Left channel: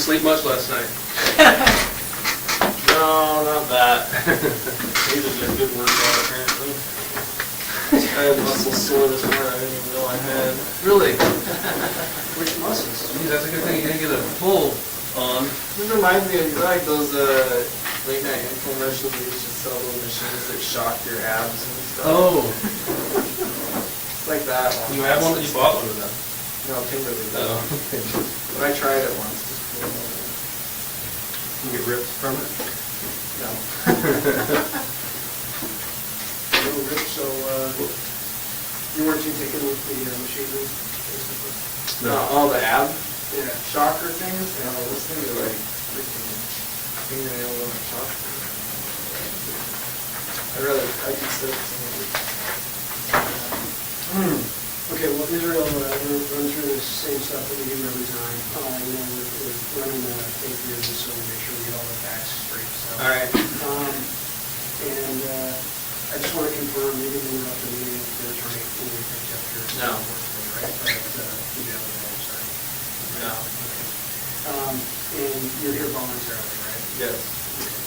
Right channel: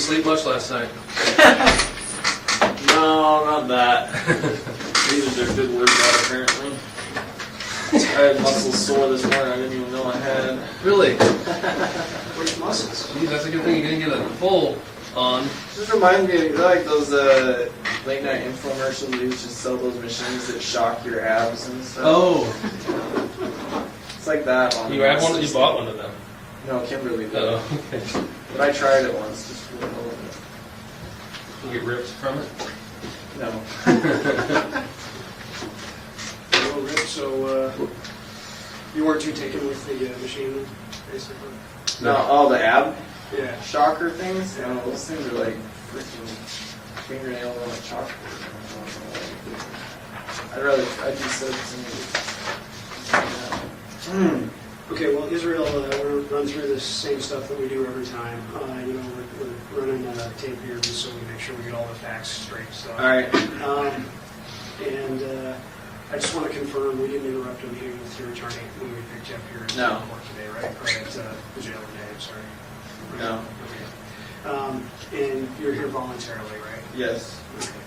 sleep much last night? No, not that. These are good workout apparently. I had muscles sore this morning I didn't even know I had. Really? Which muscles? Geez, that's a good thing you didn't get a full on. This reminds me of like those late night infomercials where you used to sell those machines that shock your abs and stuff. Oh. It's like that one. You had one? You bought one of them? No, Kimberly did. Oh. But I tried it once just for a little bit. You get rips from it? No. No, Rick, so you weren't too taken with the machine then, basically? No, all the ab Yeah. shocker things? Yeah, those things are like freaking fingernails on a chalkboard. I'd just say something. Okay, well, Israel, we're run through the same stuff that we do every time. We're running tape here just so we make sure we get all the facts straight. So. All right. And I just want to confirm, we didn't interrupt a meeting with your attorney when we picked you up here at court today, right? Or at the jail today, I'm sorry. Right? No. Okay. And you're here voluntarily, right? Yes. Okay.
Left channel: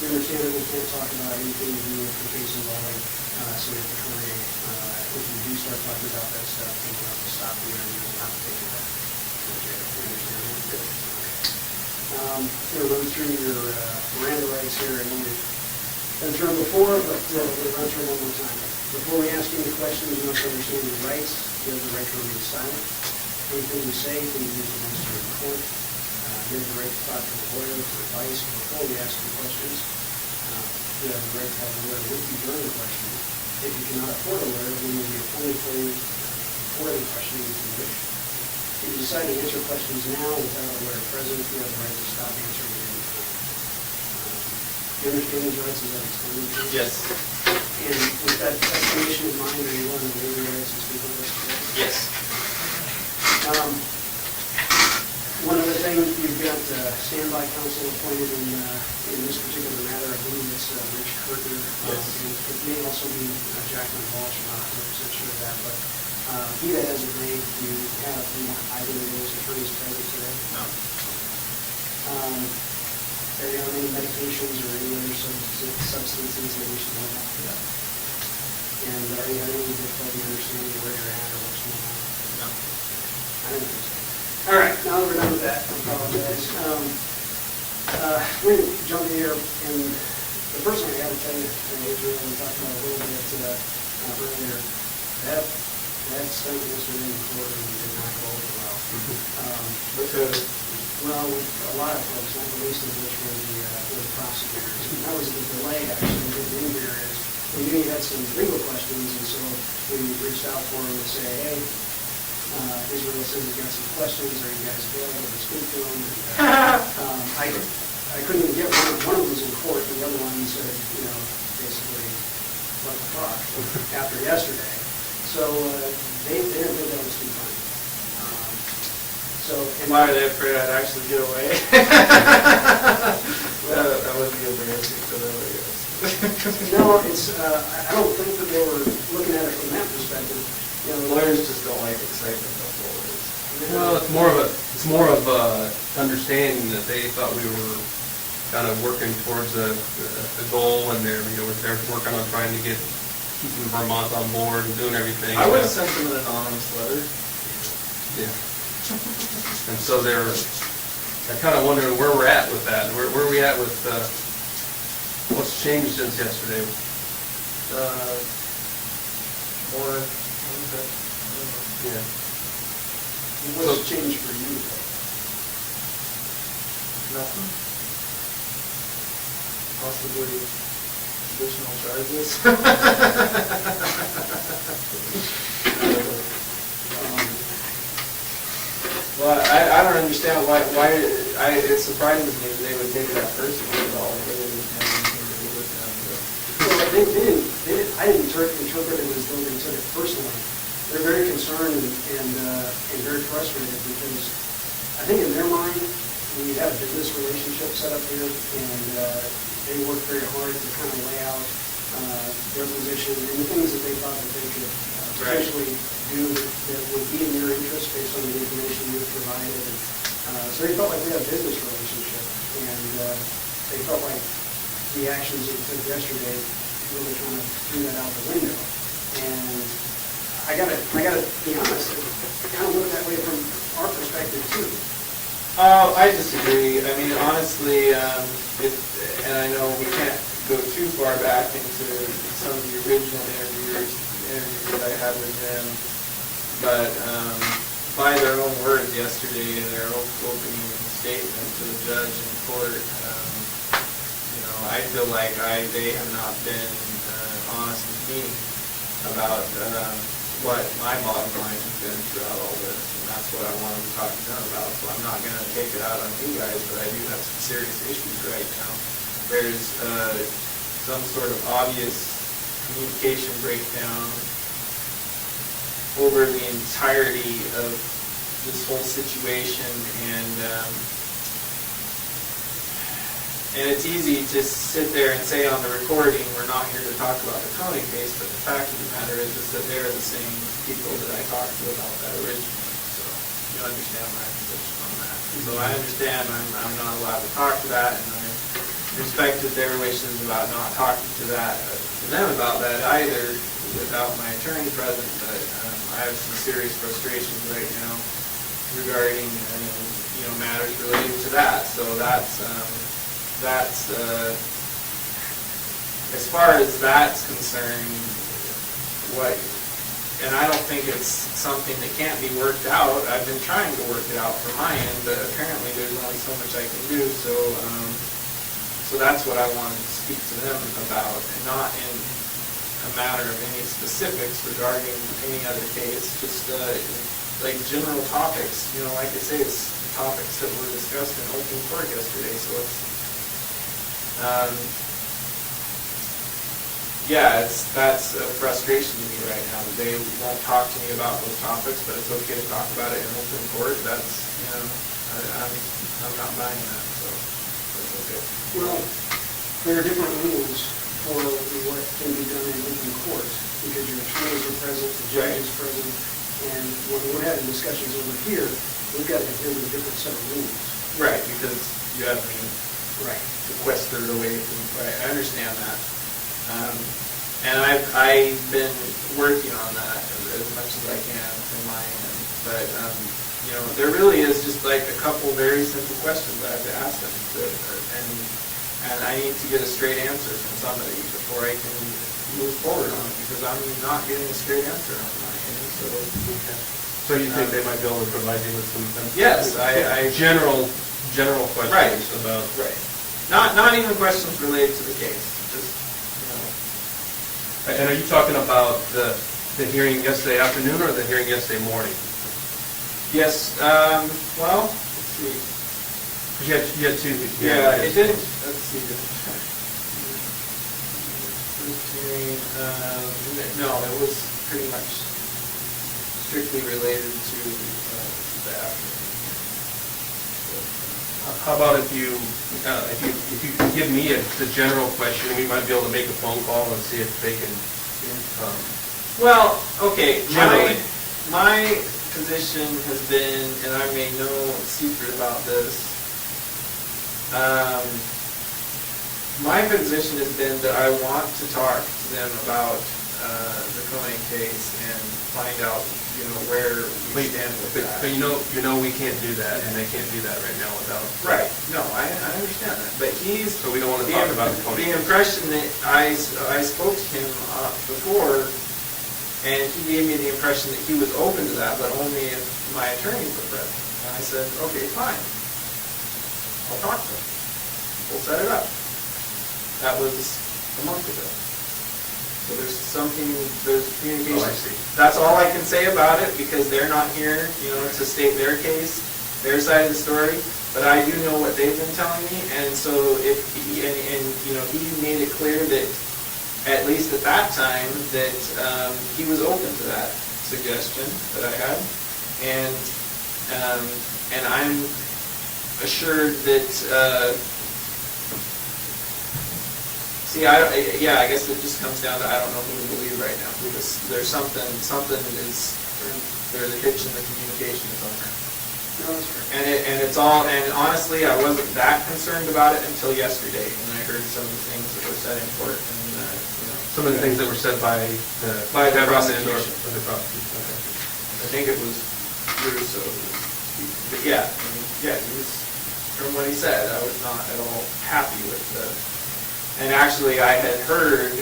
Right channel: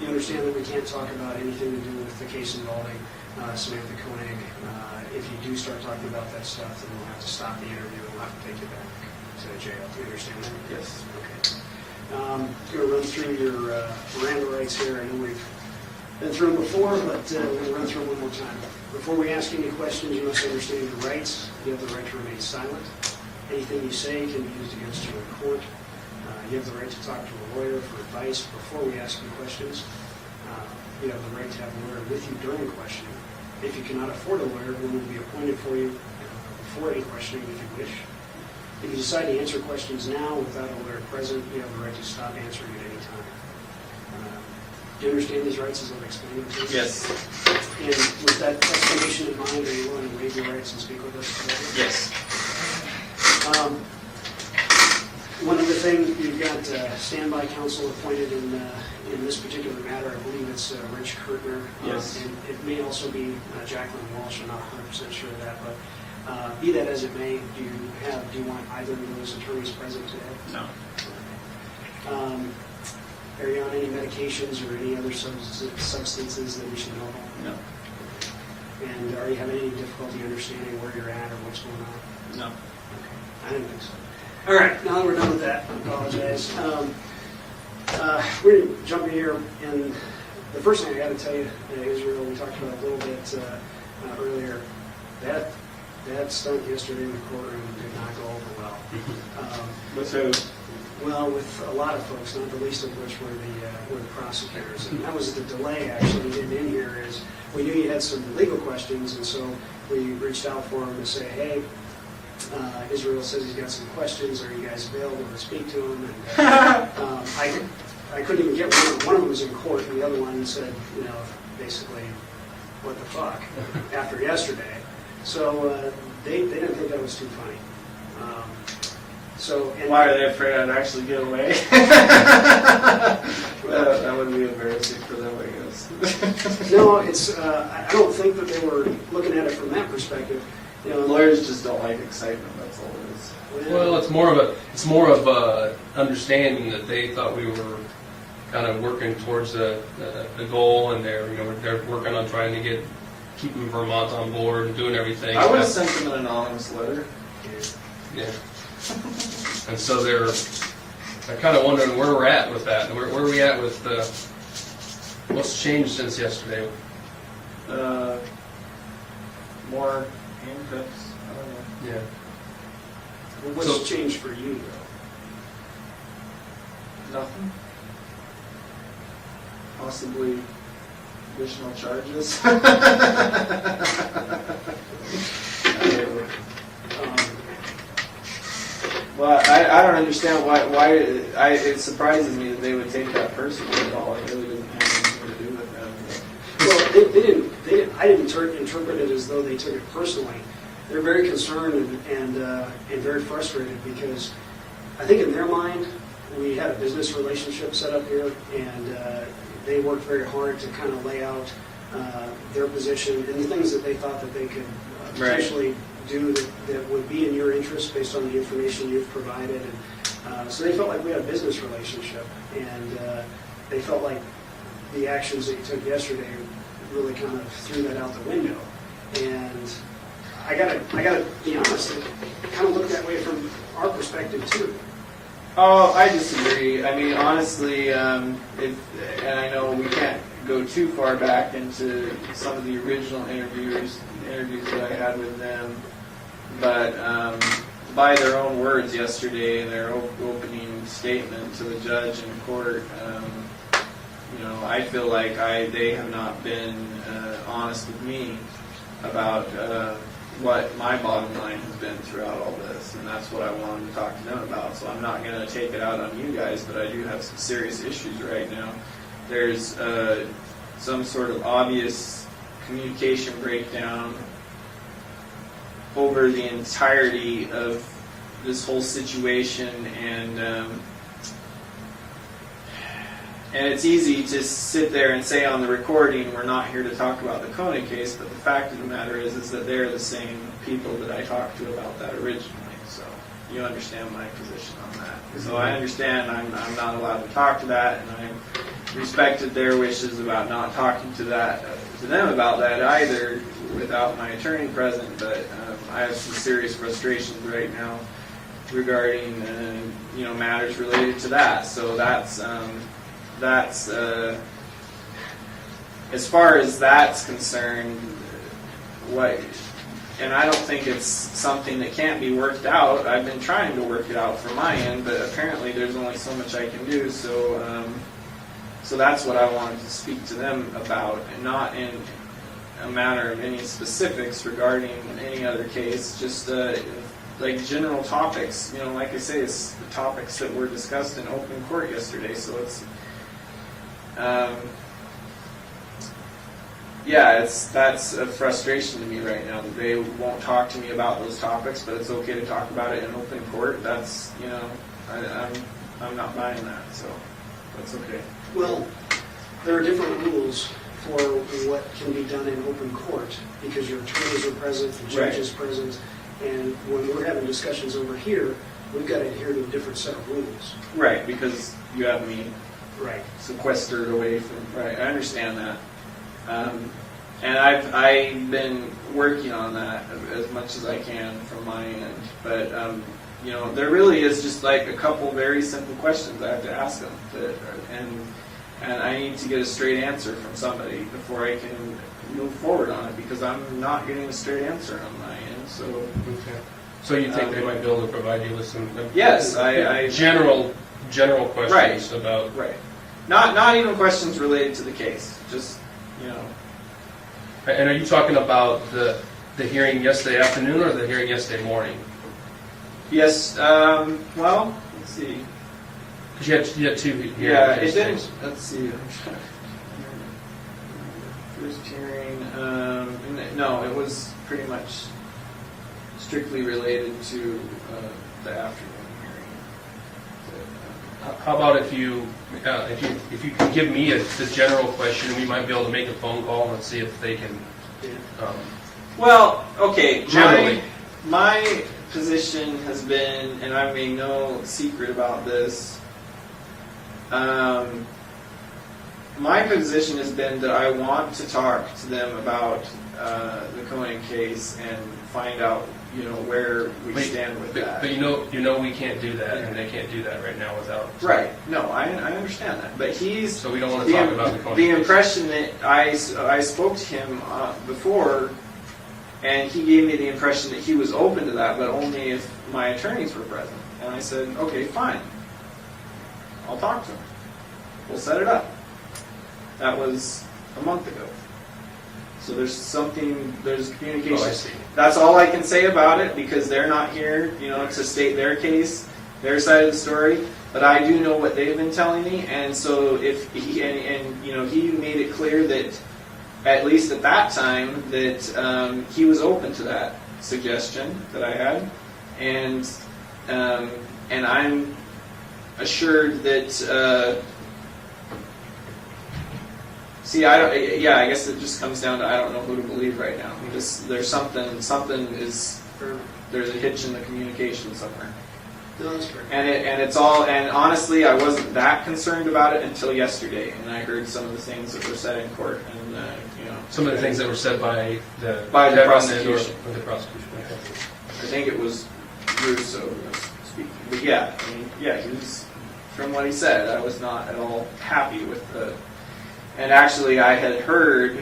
You understand that we can't talk about anything to do with the case involving Samantha Currier. If you do start talking about that stuff, then we'll have to stop the interview and we'll have to take you back to the jail. You understand that? Yes. Okay. I'm going to run through your Miranda rights here. I know we've been through them before, but we're going to run through them one more time. Before we ask any questions, you must understand your rights. You have the right to remain silent. Anything you say can be used against you in court. You have the right to talk to a lawyer for advice before we ask you questions. You have the right to have a lawyer with you during the questioning. If you cannot afford a lawyer, one will be appointed for you before any questioning if you wish. If you decide to answer questions now without a lawyer present, you have the right to stop answering at any time. Do you understand these rights as I've explained them to you? Yes. And with that explanation in mind, are you willing to waive your rights and speak with us today? Yes. One other thing, you've got standby counsel appointed in this particular matter. I believe it's Rich Currier. Yes. And it may also be Jacqueline Walsh. I'm not 100% sure of that, but be that as it may, do you want either of those attorneys present today? No. Are you on any medications or any other substances that we should know about? No. And are you having any difficulty understanding where you're at or what's going on? No. Okay. I didn't think so. All right, now that we're done with that, I apologize. We're going to jump in here, and the first thing I got to tell you, Israel, we talked about a little bit earlier, that stunt yesterday in the courtroom did not go over well. With who? Well, with a lot of folks, not the least of which were the prosecutors. And that was the delay, actually, in here is we knew you had some legal questions, and so we reached out for him to say, hey, Israel says he's got some questions. Are you guys available to speak to him? And I couldn't even get one. One of them was in court, and the other one said, basically, what the fuck, after yesterday. So they didn't think that was too funny. Why are they afraid I'd actually get away? Well, that would be embarrassing for them, I guess. No, it's. I don't think that they were looking at it from that perspective. Lawyers just don't like excitement. That's all it is. Well, it's more of a understanding that they thought we were kind of working towards a goal, and they're working on trying to keeping Vermont on board and doing everything. I would have sent them an anonymous letter. Yeah. And so they're kind of wondering where we're at with that. Where are we at with what's changed since yesterday? More. Yeah. Well, what's changed for you, though? Nothing. Possibly additional charges. Well, I don't understand why it surprises me that they would take that personally at all. It really didn't have anything to do with them. Well, they didn't. I didn't interpret it as though they took it personally. They're very concerned and very frustrated because I think in their mind we had a business relationship set up here, and they worked very hard to kind of lay out their position and the things that they thought that they could potentially do that would be in your interest based on the information you've provided. And So they felt like we had a business relationship, and they felt like the actions that you took yesterday really kind of threw that out the window. And I gotta be honest, it kind of looked that way from our perspective too. Oh, I disagree. I mean, honestly, and I know we can't go too far back into some of the original interviews that I had with them, but by their own words yesterday in their opening statement to the judge in court, I feel like they have not been honest with me about what my bottom line has been throughout all this, and that's what I wanted to talk to them about. So I'm not going to take it out on you guys, but I do have some serious issues right now. There's some sort of obvious communication breakdown over the entirety of this whole situation, and it's easy to sit there and say on the recording, we're not here to talk about the Conan case, but the fact of the matter is that they're the same people that I talked to about that originally. So you understand my position on that. So I understand I'm not allowed to talk to that, and I respected their wishes about not talking to them about that either without my attorney present, but I have some serious frustrations right now regarding matters related to that. So that's as far as that's concerned, and I don't think it's something that can't be worked out. I've been trying to work it out from my end, but apparently there's only so much I can do. So that's what I wanted to speak to them about, and not in a matter of any specifics regarding any other case, just like general topics. Like I say, it's the topics that were discussed in open court yesterday. So it's that's a frustration to me right now that they won't talk to me about those topics, but it's okay to talk about it in open court. That's I'm not buying that, so that's okay. Well, there are different rules for what can be done in open court, because your attorneys are present, the judge is present, and when we're having discussions over here, we've got to adhere to a different set of rules. Right, because you have me right sequestered away from. Right, I understand that, and I've been working on that as much as I can from my end. But there really is just like a couple very simple questions I have to ask them, and I need to get a straight answer from somebody before I can move forward on it, because I'm not getting a straight answer on my end. So. Okay. So you think they might be able to provide you with some? Yes, I general questions about. Right. Not even questions related to the case. Just And are you talking about the hearing yesterday afternoon or the hearing yesterday morning? Yes. Well, let's see. You had two. Yeah, it didn't. Let's see. First hearing. No, it was pretty much strictly related to the afternoon hearing. How about if you can give me the general question, we might be able to make a phone call and see if they can. Well, okay. My position has been, and I made no secret about this. My position has been that I want to talk to them about the Conan case and find out, where we stand with that. But you know we can't do that, and they can't do that right now without. Right. No, I understand that. But So we don't want to talk about the Conan the case. impression that I spoke to him before, and he gave me the impression that he was open to that, but only if my attorneys were present. And I said, okay, fine. I'll talk to him. We'll set it up. That was a month ago. So there's communication. Oh, I see. That's all I can say about it, because they're not here, to state their case, their side of the story. But I do know what they've been telling me, and so if he made it clear that, at least at that time, that he was open to that suggestion that I had, and I'm assured that. I guess it just comes down to I don't know who to believe right now, because there's a hitch in the communication somewhere. No, that's fair. And honestly, I wasn't that concerned about it until yesterday, and I heard some of the things that were said in court, and, Some of the things that were said by the prosecution. Or the prosecution. Okay. I think it was years or so. But yeah, he was, from what he said, I was not at all happy with and actually I had heard,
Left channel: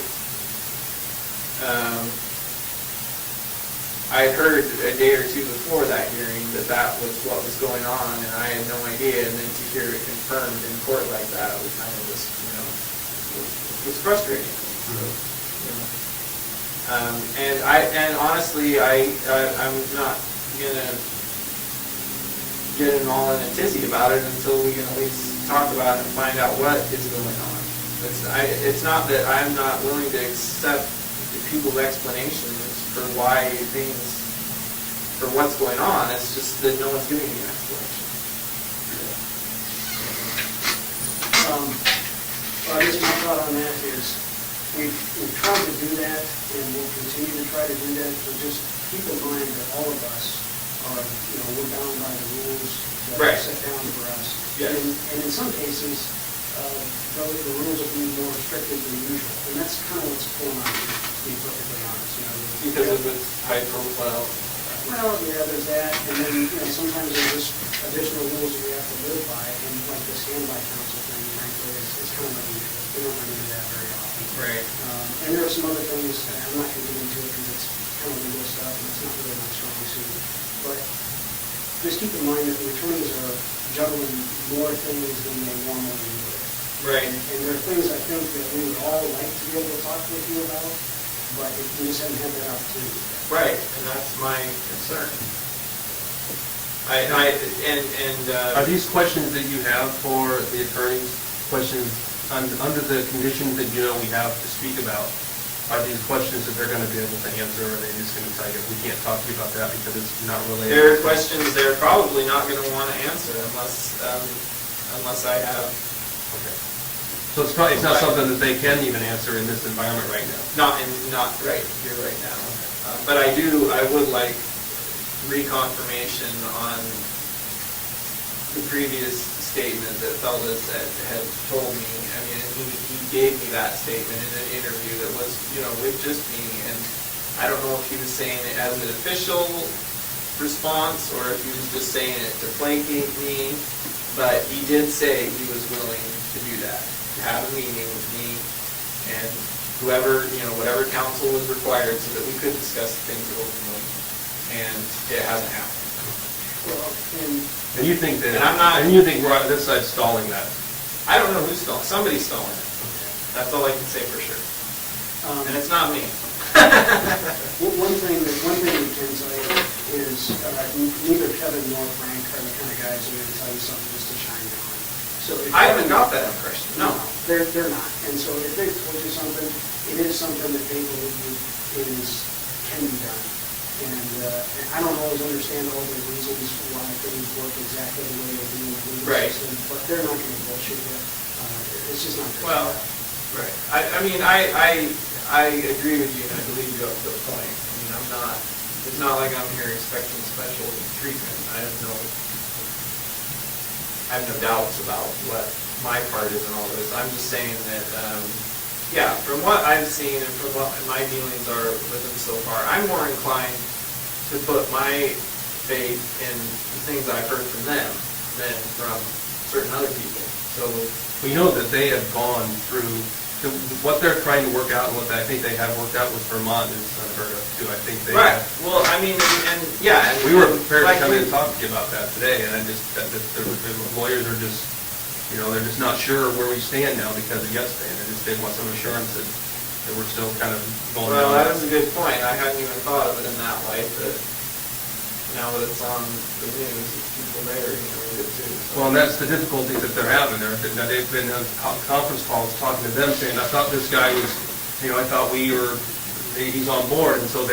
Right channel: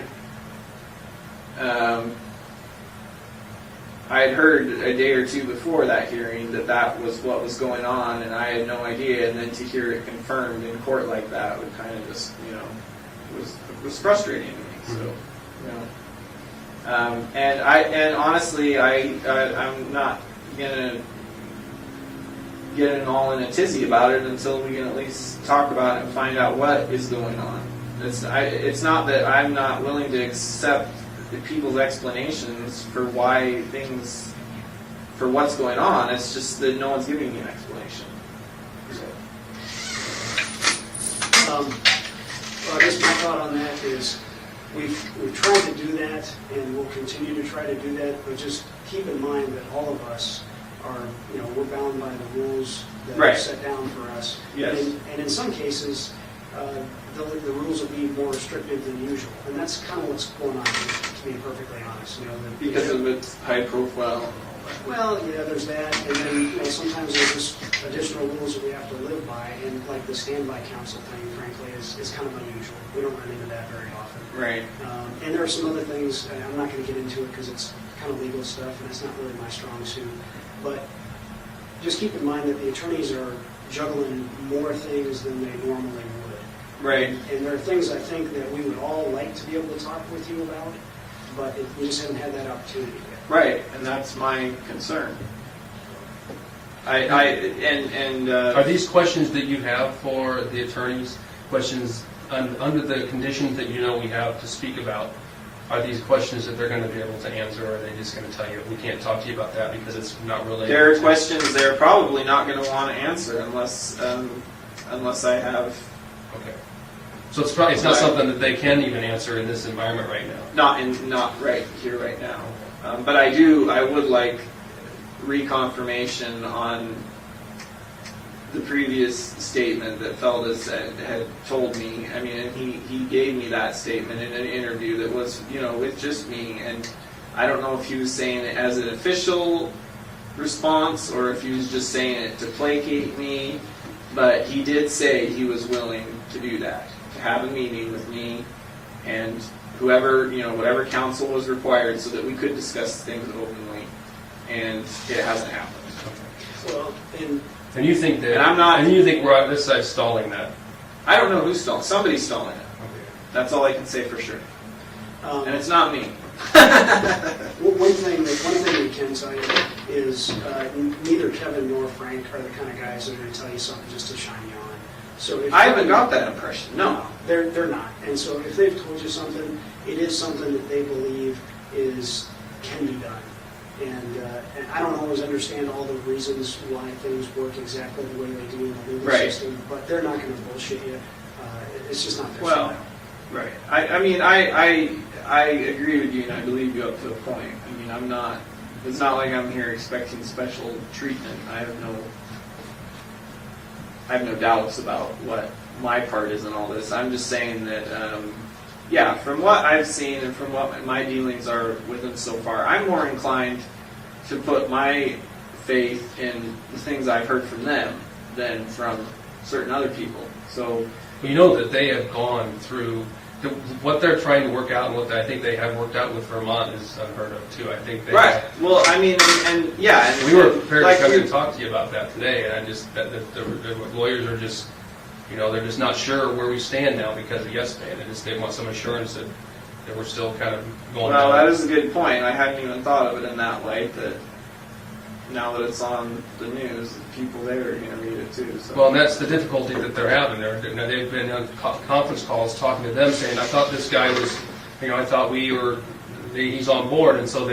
a day or two before that hearing that was what was going on, and I had no idea, and then to hear it confirmed in court like that was kind of just, was frustrating to me, so, and honestly, I'm not gonna get all in a tizzy about it until we can at least talk about it and find out what is going on. It's not that I'm not willing to accept people's explanations for what's going on. It's just that no one's giving me an explanation. Well, I guess my thought on that is we've tried to do that, and we'll continue to try to do that, but just keep in mind that all of us are, we're bound by the rules that are set down for us. Yes. And in some cases, the rules will be more restrictive than usual, and that's kind of what's going on here, to be perfectly honest. Because of its high profile. Well, yeah, there's that, and then sometimes there's just additional rules that we have to live by, and like the standby counsel thing, frankly, is kind of unusual. We don't run into that very often. Right. And there are some other things, and I'm not going to get into it because it's kind of legal stuff, and it's not really my strong suit. But just keep in mind that the attorneys are juggling more things than they normally would. Right. And there are things I think that we would all like to be able to talk with you about, but we just haven't had that opportunity yet. Right, and that's my concern. Are these questions that you have for the attorneys, questions under the conditions that we have to speak about? Are these questions that they're going to be able to answer, or are they just going to tell you, we can't talk to you about that because it's not related? There are questions they're probably not going to want to answer unless I have... Okay. So it's not something that they can even answer in this environment right now? Not right here right now. But I would like reconfirmation on the previous statement that Feldes had told me. I mean, he gave me that statement in an interview that was, with just me, and I don't know if he was saying it as an official response or if he was just saying it to placate me, but he did say he was willing to do that, to have a meeting with me and whoever, whatever counsel was required so that we could discuss things openly, and it hasn't happened. Well, And you think that? And I'm not. And you think we're on this side stalling that? I don't know who's stalling. Somebody's stalling it. Okay. That's all I can say for sure. And it's not me. One thing we can tell you is neither Kevin nor Frank are the kind of guys that are going to tell you something just to chime you on. So I haven't got that impression. No, they're not. And so if they've told you something, it is something that they believe can be done. And I don't always understand all the reasons why things work exactly the way they do in the legal system, but they're not going to bullshit you. It's just not their well, style. right. I agree with you, and I believe you up to a point. I mean, I'm not. It's not like I'm here expecting special treatment. I have no doubts about what my part is in all this. I'm just saying that, from what I've seen and from what my dealings are with him so far, I'm more inclined to put my faith in the things I've heard from them than from certain other people. So, well, you know that they have gone through what they're trying to work out, and what I think they have worked out with Vermont is unheard of too. I think they right. have, Well, I mean, and we were prepared like to come and talk to you about that today, and I just the lawyers are just, they're just not sure where we stand now because of yesterday. They want some assurance that we're still kind of going. Well, that is a good point. I hadn't even thought of it in that light. That now that it's on the news, people there are going to read it too. So. Well, and that's the difficulty that they're having. They've been conference calls talking to them saying, I thought this guy was, I thought he's on board, and so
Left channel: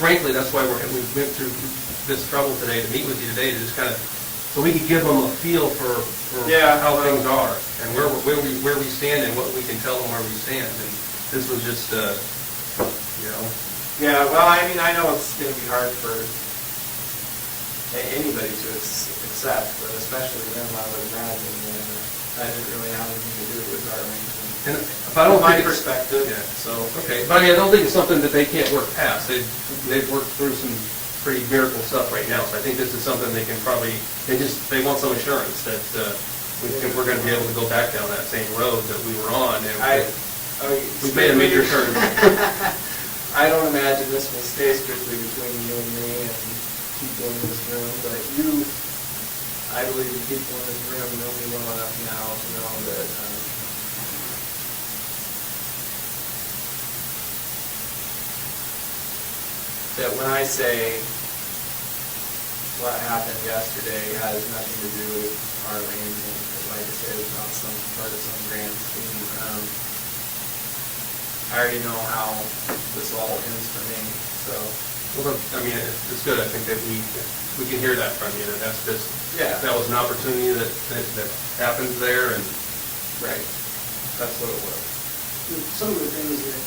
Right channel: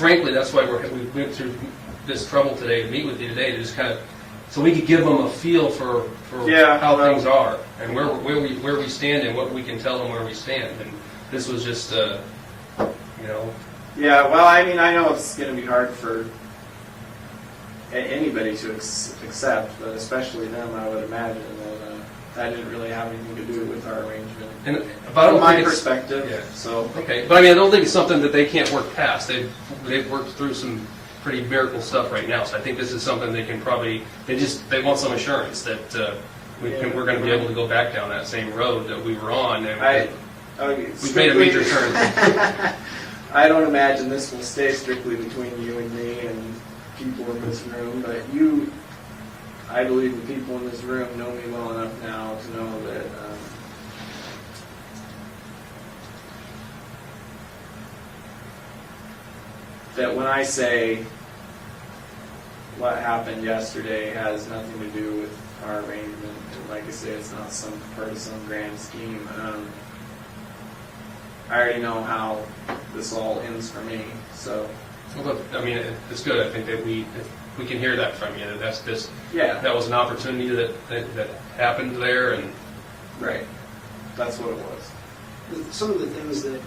frankly, that's why we went through this trouble today to meet with you today, to just kind of, so we could give them a feel for how things are and where we stand and what we can tell them where we stand. And this was just, Yeah, well, I mean, I know it's going to be hard for anybody to accept, but especially them, I would imagine. That didn't really have anything to do with our arrangement. And, but I don't From my think it's- perspective, Yeah. so. Okay, but I mean, I don't think it's something that they can't work past. They've worked through some pretty miracle stuff right now, so I think this is something they can probably, they want some assurance that we're gonna be able to go back down that same road that we were on. And we've made a major turn. I don't imagine this will stay strictly between you and me and people in this room, but I believe the people in this room know me well enough now to know that when I say what happened yesterday has nothing to do with our arrangement, like I said, it's not some part of some grand scheme. I already know how this all ends for me, so. Well, I mean, it's good, I think that we can hear that from you, that that's just, Yeah. that was an opportunity that happened there, and Right. That's what it was. Some of the things that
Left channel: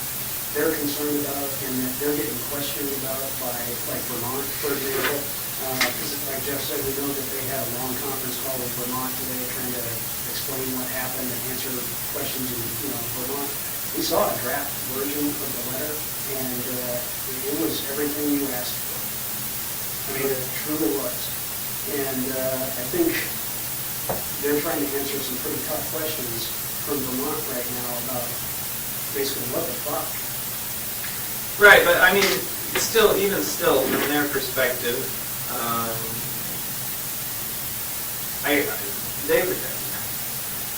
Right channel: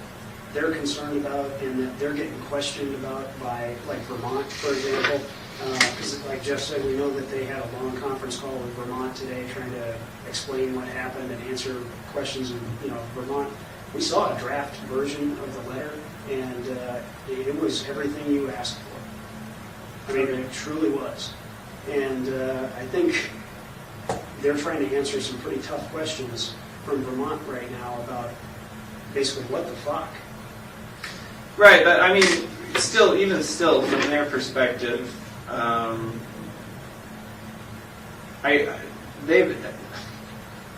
they're concerned about and that they're getting questioned about by, like Vermont, for example, because like Jeff said, we know that they had a long conference call with Vermont today trying to explain what happened and answer questions in, Vermont. We saw a draft version of the letter, and it was everything you asked for. I mean, it truly was. And I think they're trying to answer some pretty tough questions from Vermont right now about basically what the fuck. Right, but I mean, even still, from their perspective,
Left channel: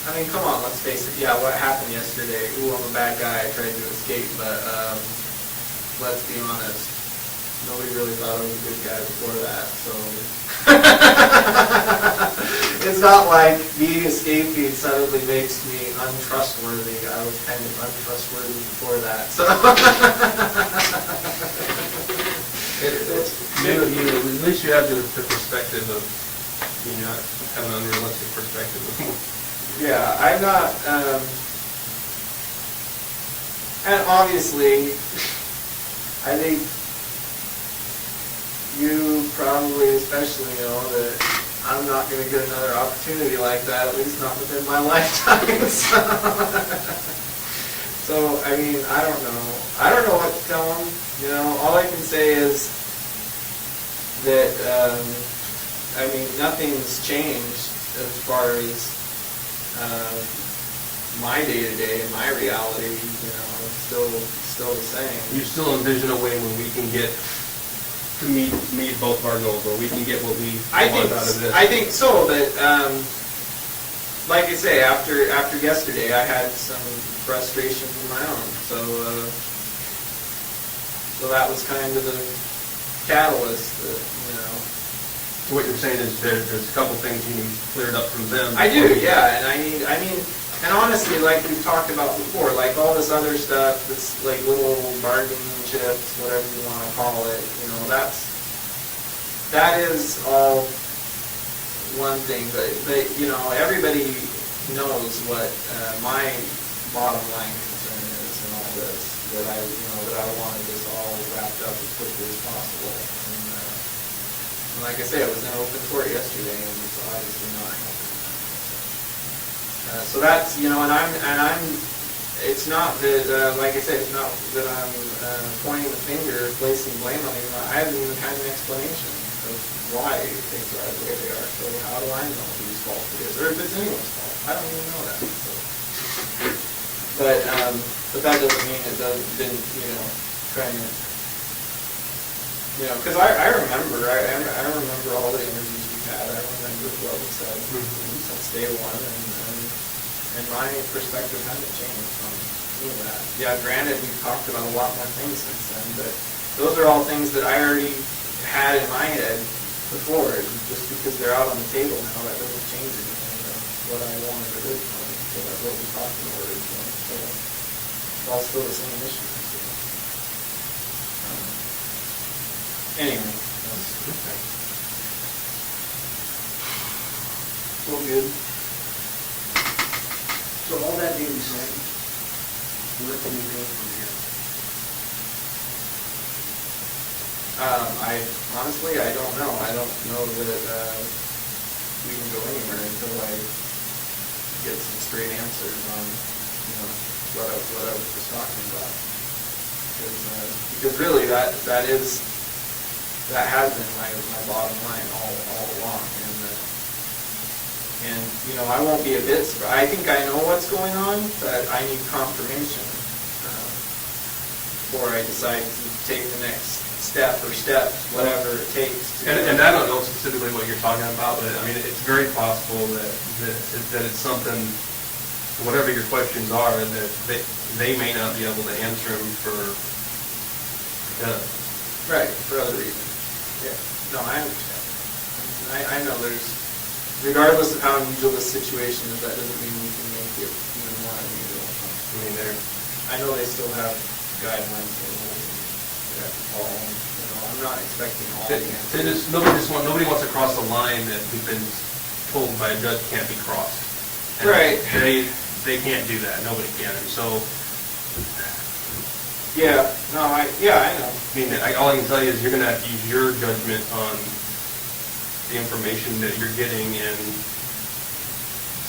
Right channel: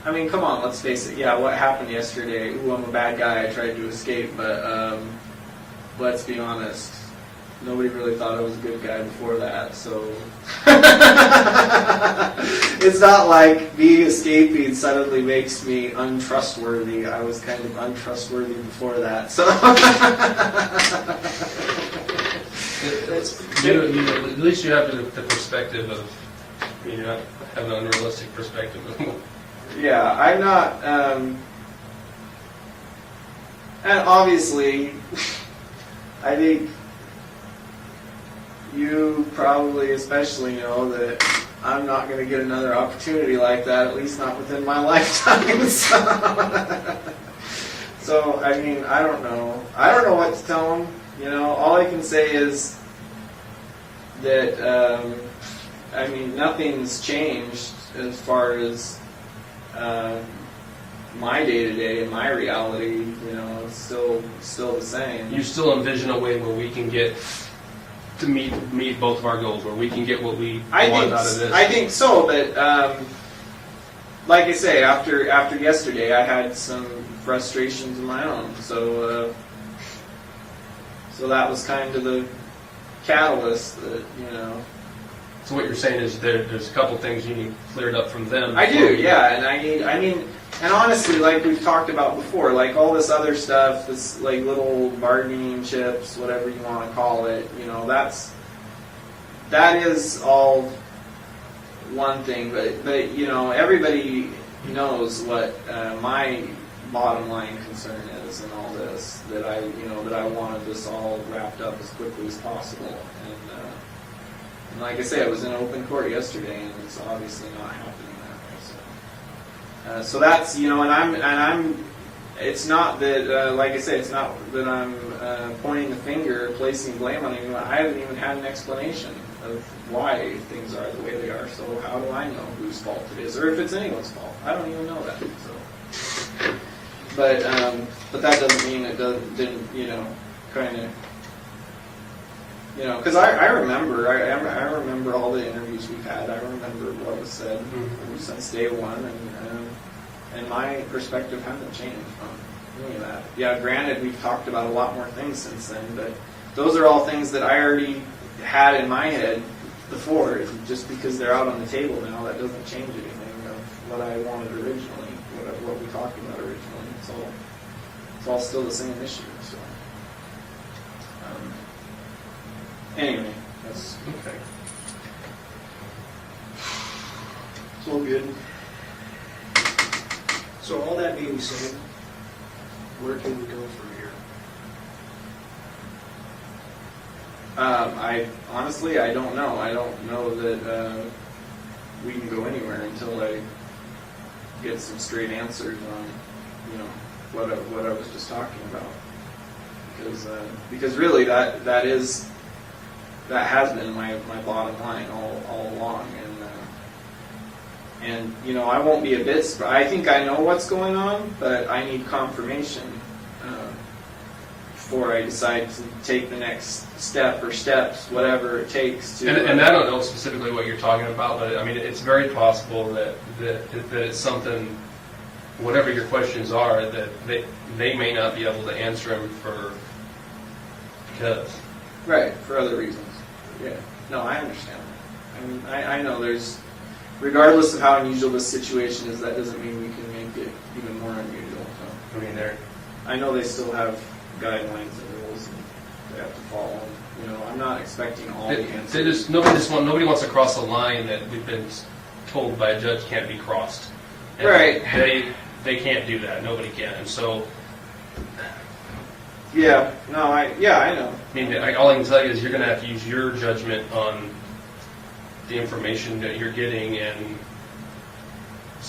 I mean, come on, let's face it. Yeah, what happened yesterday? Ooh, I'm a bad guy. I tried to escape, but let's be honest. Nobody really thought I was a good guy before that, so it's not like being escaping suddenly makes me untrustworthy. I was kind of untrustworthy before that, so. At least you have the perspective of, have an unrealistic perspective of. Yeah, I'm not, and obviously, I think you probably especially know that I'm not going to get another opportunity like that, at least not within my lifetime. So, I mean, I don't know. I don't know what to tell them. All I can say is that, I mean, nothing's changed as far as my day-to-day and my reality, still the same. You still envision a way where we can get to meet both of our goals, where we can get what we want out of this? I think so, but like I say, after yesterday, I had some frustrations of my own. So that was kind of the catalyst that, So what you're saying is there's a couple things you need cleared up from them. I do, yeah, and and honestly, like we've talked about before, like all this other stuff, this like little bargaining chips, whatever you want to call it, that is all one thing, but everybody knows what my bottom line concern is in all this, that I wanted this all wrapped up as quickly as possible. And like I said, it was in open court yesterday, and it's obviously not happening now. So that's, and I'm, it's not that, like I said, it's not that I'm pointing the finger, placing blame on anyone. I haven't even had an explanation of why things are the way they are. So how do I know whose fault it is, or if it's anyone's fault? I don't even know that. So. But that doesn't mean it didn't, kind of. Because I remember all the interviews we've had. I remember what was said since day one, and my perspective hasn't changed from doing that. Yeah, granted, we've talked about a lot more things since then, but those are all things that I already had in my head before. Just because they're out on the table now, that doesn't change anything of what I wanted originally, what we talked about originally. So it's all still the same issue. So. Anyway, that's Okay. so good. So all that being said, where can we go from here? I don't know. I don't know that we can go anywhere until I get some straight answers on, what I was just talking about. Because really that has been my bottom line all along, and I won't be a bit surprised. I think I know what's going on, but I need confirmation before I decide to take the next step or steps, whatever it takes to. And I don't know specifically what you're talking about, but I mean, it's very possible that it's something, whatever your questions are, that they may not be able to answer them because. Right, for other reasons. Yeah. No, I understand that. I mean, I know there's, regardless of how unusual this situation is, that doesn't mean we can make it even more unusual. I mean, I know they still have guidelines and rules and they have to follow them. I'm not expecting all the answers. Nobody wants to cross the line that we've been told by a judge can't be crossed. And right. They can't do that. Nobody can. And so. Yeah. No. I know. I mean, all I can tell you is you're going to have to use your judgment on the information that you're getting and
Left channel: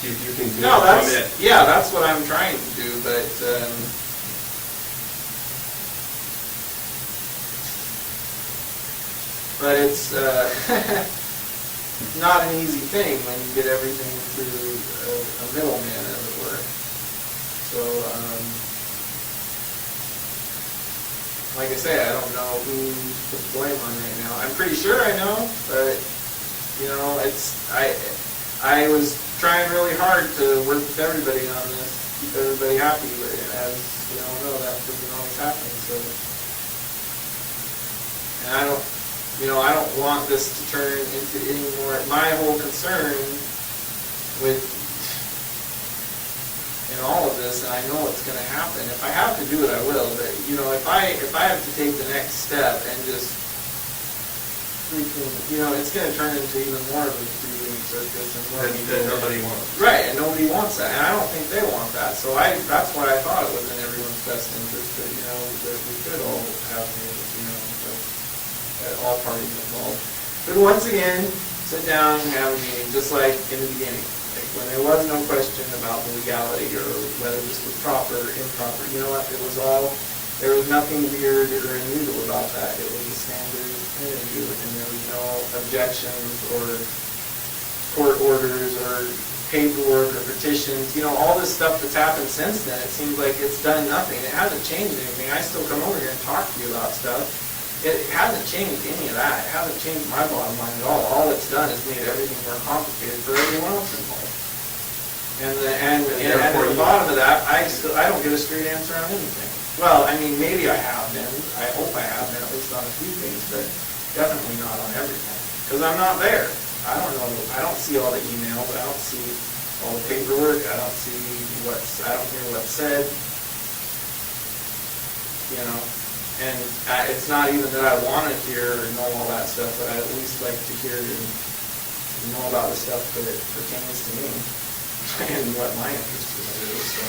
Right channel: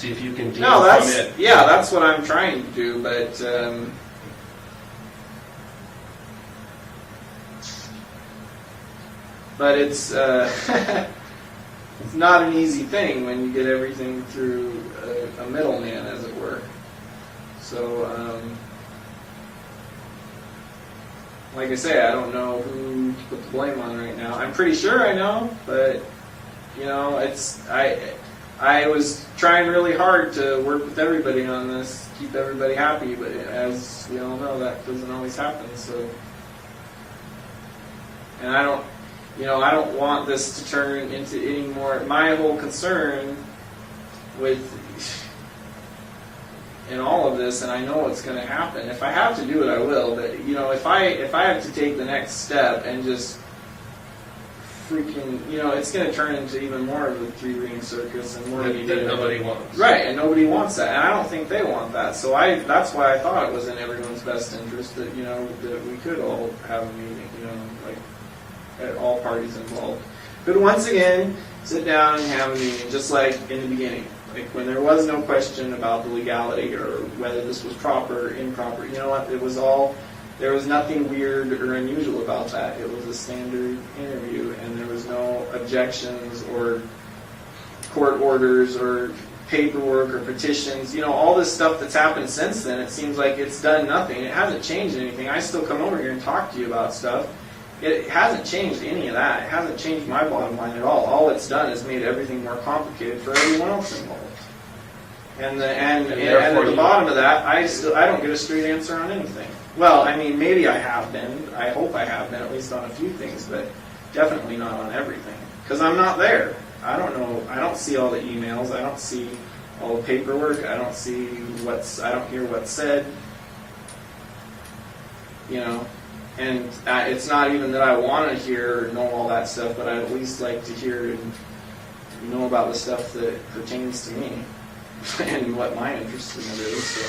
see if you can commit. Yeah, that's what I'm trying to do, but it's not an easy thing when you get everything through a middleman, as it were. So, like I say, I don't know who to put the blame on right now. I'm pretty sure I know, but I was trying really hard to work with everybody on this, keep everybody happy, but as we all know, that doesn't always happen. So, and I don't want this to turn into any more. My whole concern in all of this, and I know what's going to happen. If I have to do it, I will. But if I have to take the next step and just freaking, it's going to turn into even more of a three-ring circus and more. That nobody wants. Right, and nobody wants that, and I don't think they want that. So that's why I thought it was in everyone's best interest that that we could all have all parties involved. But once again, sit down and have a meeting, just like in the beginning. Like when there was no question about the legality or whether this was proper or improper. You know what? There was nothing weird or unusual about that. It was a standard interview, and there was no objections or court orders or paperwork or petitions. All this stuff that's happened since then, it seems like it's done nothing. It hasn't changed anything. I still come over here and talk to you about stuff. It hasn't changed any of that. It hasn't changed my bottom line at all. All it's done is made everything more complicated for everyone else involved. And at the bottom of that, I don't get a straight answer on anything. Well, I mean, maybe I have been. I hope I have been, at least on a few things, but definitely not on everything. Because I'm not there. I don't know. I don't see all the emails. I don't see all the paperwork. I don't hear what's said. And it's not even that I want to hear or know all that stuff, but I'd at least like to hear and know about the stuff that pertains to me and what my interest in it is. So.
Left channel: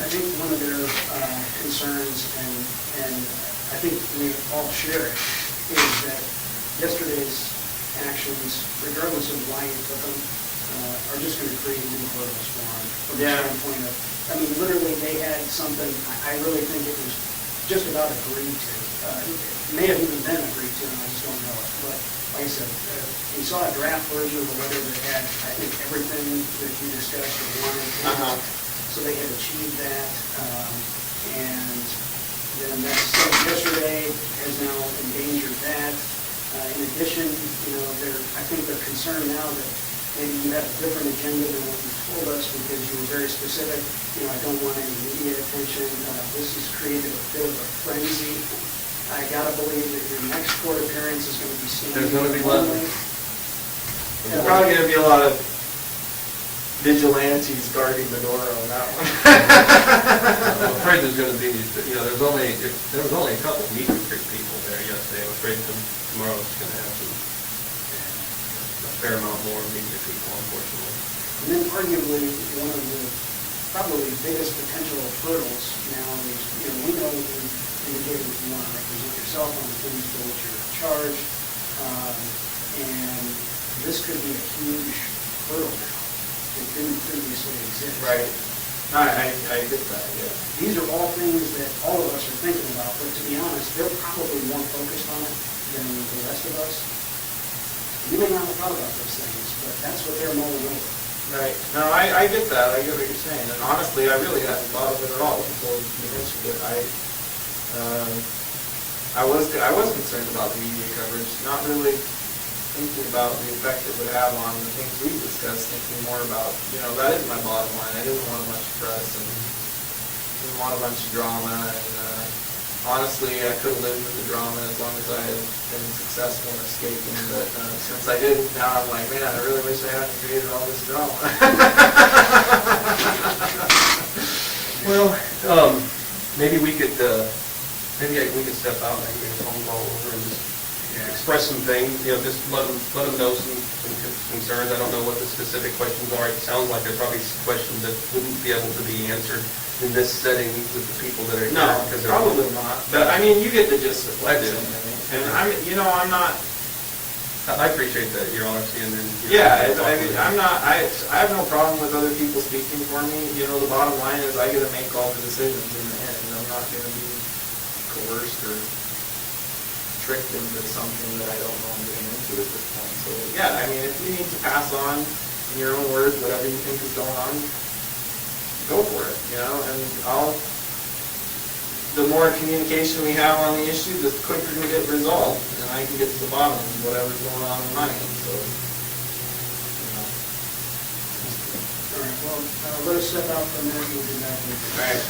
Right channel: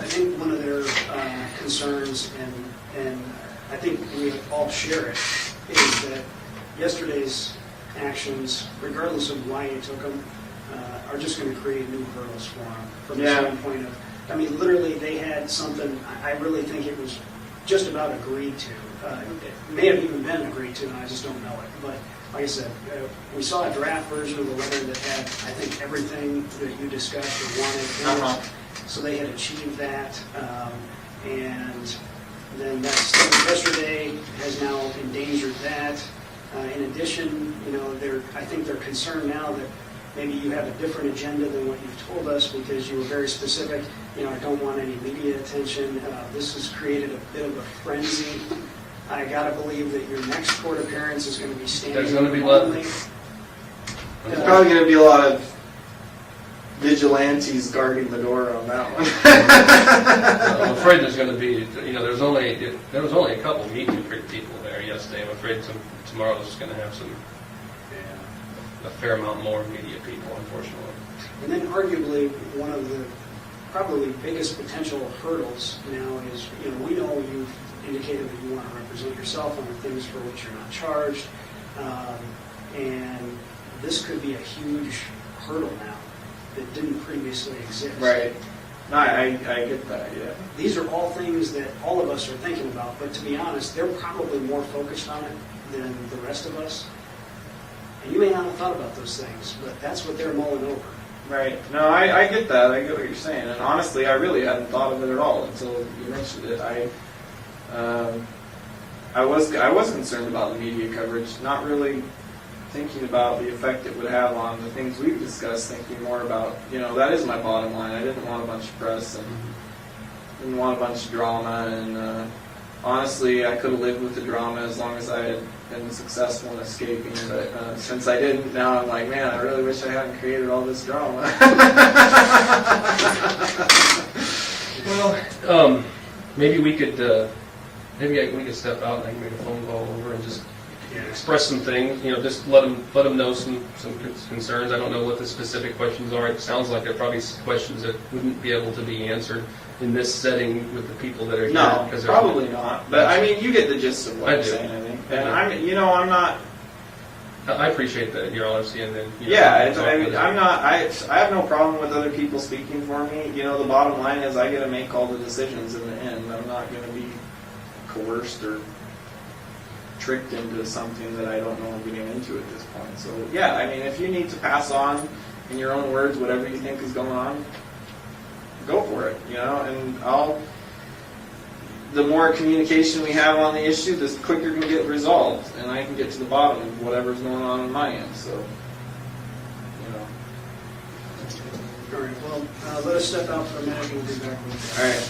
I think one of their concerns, and I think we all share it, is that yesterday's actions, regardless of why you took them, are just going to create new hurdles for them from the standpoint of, literally they had something, I really think it was just about agreed to. It may have even been agreed to, and I just don't know it. But like I said, we saw a draft version of the letter that had, I think, everything that you discussed or wanted in it. So they had achieved that. And then that stuff yesterday has now endangered that. In addition, I think they're concerned now that maybe you have a different agenda than what you told us because you were very specific. I don't want any media attention. This has created a bit of a frenzy. I gotta believe that your next court appearance is going to be standing only. There's probably going to be a lot of vigilantes guarding the door on that one. I'm afraid there's going to be, there was only a couple meet and greet people there yesterday. I'm afraid tomorrow's going to have a fair amount more media people, unfortunately. And then arguably one of the probably biggest potential hurdles now is, we know you've indicated that you want to represent yourself on the things for which you're not charged. And this could be a huge hurdle now that didn't previously exist. Right. No, I get that, yeah. These are all things that all of us are thinking about, but to be honest, they're probably more focused on it than the rest of us. You may not have thought about those things, but that's what they're mulling over. Right. No, I get that. I get what you're saying. And honestly, I really hadn't thought of it at all until you mentioned it. I was concerned about the media coverage, not really thinking about the effect it would have on the things we discussed, thinking more about, that is my bottom line. I didn't want a bunch of press and didn't want a bunch of drama. And honestly, I could have lived with the drama as long as I had been successful in escaping. But since I didn't, now I'm like, man, I really wish I hadn't created all this drama. Well, maybe we could, we could step out and make a phone call over and just express some things, just let them know some concerns. I don't know what the specific questions are. It sounds like they're probably questions that wouldn't be able to be answered in this setting with the people that are No, there. probably not. But I mean, you get the gist of what I'm saying. And I'm not. I appreciate that your honesty and then. I have no problem with other people speaking for me. The bottom line is I get to make all the decisions in the end. I'm not going to be coerced or tricked into something that I don't know I'm getting into at this point. So yeah, I mean, if you need to pass on in your own words whatever you think is going on, go for it. And the more communication we have on the issue, the quicker it can get resolved, and I can get to the bottom of whatever's going on my end. So, All right, well, let us step out for a minute and we'll be back in a minute. All right.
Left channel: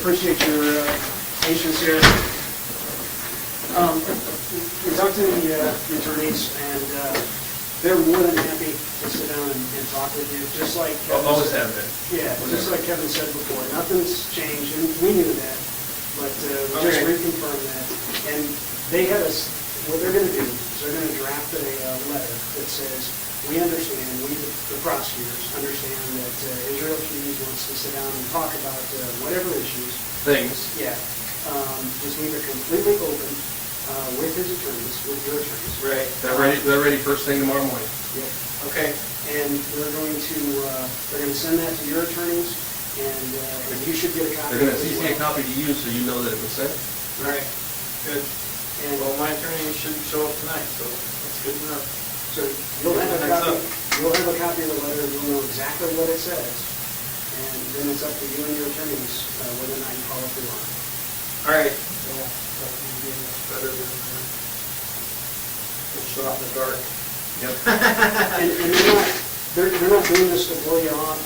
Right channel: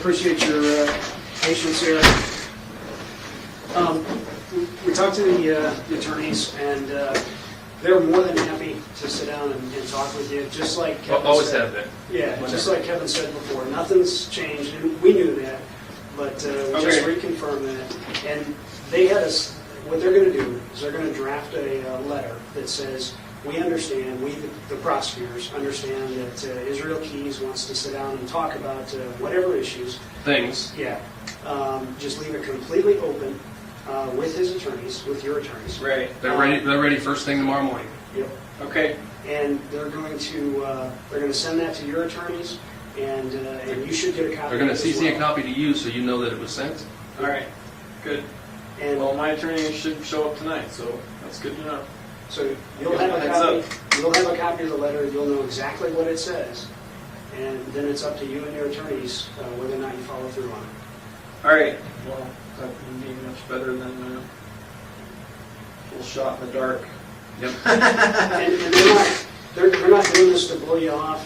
appreciate your patience here. We talked to the attorneys, and they're more than happy to sit down and talk with you, just like Kevin Always said. have been. Yeah, just like Kevin said before, nothing's changed, and we knew that, but we just Okay. reconfirmed that. And they have us, what they're gonna do is they're gonna draft a letter that says, we understand, we, the prosecutors, understand that Israel Keys wants to sit down and talk about whatever issues. Things. Yeah, just leave it completely open with his attorneys, with your attorneys. Right. They're ready first thing tomorrow morning. Yep. Okay. And they're gonna send that to your attorneys, and you should get a copy. They're gonna of it as CC a well. copy to you so you know that it was sent. All right. Good. And Well, my attorney should show up tonight, so that's good to know. so you'll have a Heads copy, up. you'll have a copy of the letter, you'll know exactly what it says, and then it's up to you and your attorneys whether or not you follow through on it. All right. Well, that would be much better than a shot in the dark. Yep. And they're not doing this to blow you off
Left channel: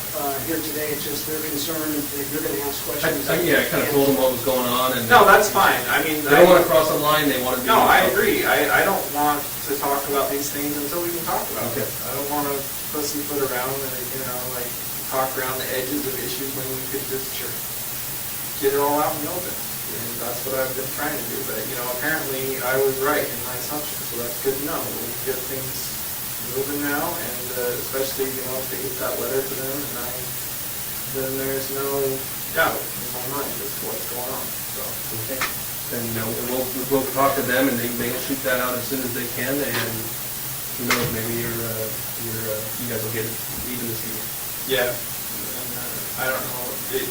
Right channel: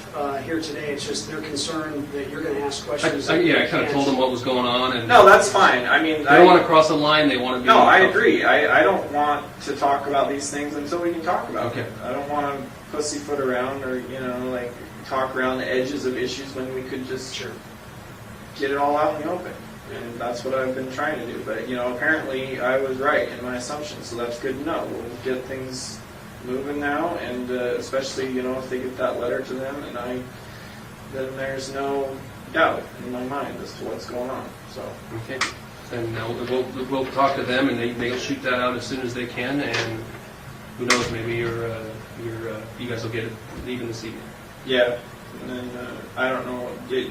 here today, it's just they're concerned that you're gonna ask questions. I kind of told them what was going on, and No, that's fine. I mean, they don't want to cross the line. They want to be. No, I agree. I don't want to talk about these things until we can talk about Okay. them. I don't want to pussyfoot around or, like talk around the edges of issues when we could just get it all out in the open. And that's what I've been trying to do. But, apparently I was right in my assumption, so that's good to know. We'll get things moving now, and especially, if they get that letter to them, and then there's no doubt in my mind as to what's going on. So. Okay. Then we'll talk to them, and they'll shoot that out as soon as they can. And who knows? Maybe you guys will get it even this evening. Yeah, and then, I don't know,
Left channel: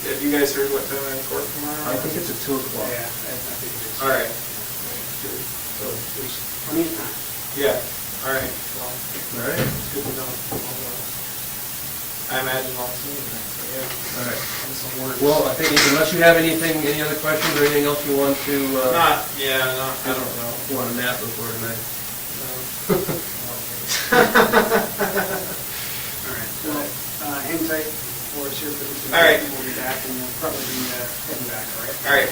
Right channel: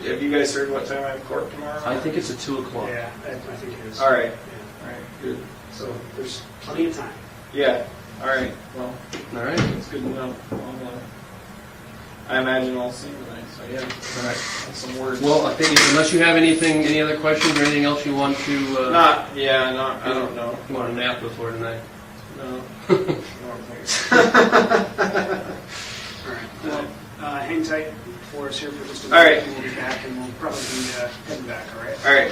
have you guys heard what time I have court tomorrow? I think it's at 2 o'clock. Yeah, I think it is. All right, Yeah. all right, good. So there's plenty of time. Yeah, all right, well, All right. it's good to know. I imagine I'll see you tonight, so yeah. All right. And some words. Well, I think unless you have any other questions or anything else you want to. I don't know. You want a nap before tonight? No, I don't think so. All right, well, hang tight for us here for just a minute. All right. And we'll be back, and we'll probably be heading back, all right? All right.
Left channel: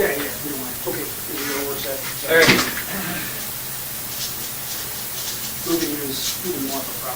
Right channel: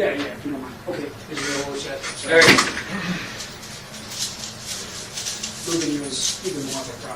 Yeah, yeah, you don't mind. Okay, is it over set? There you go. Moving is even more of a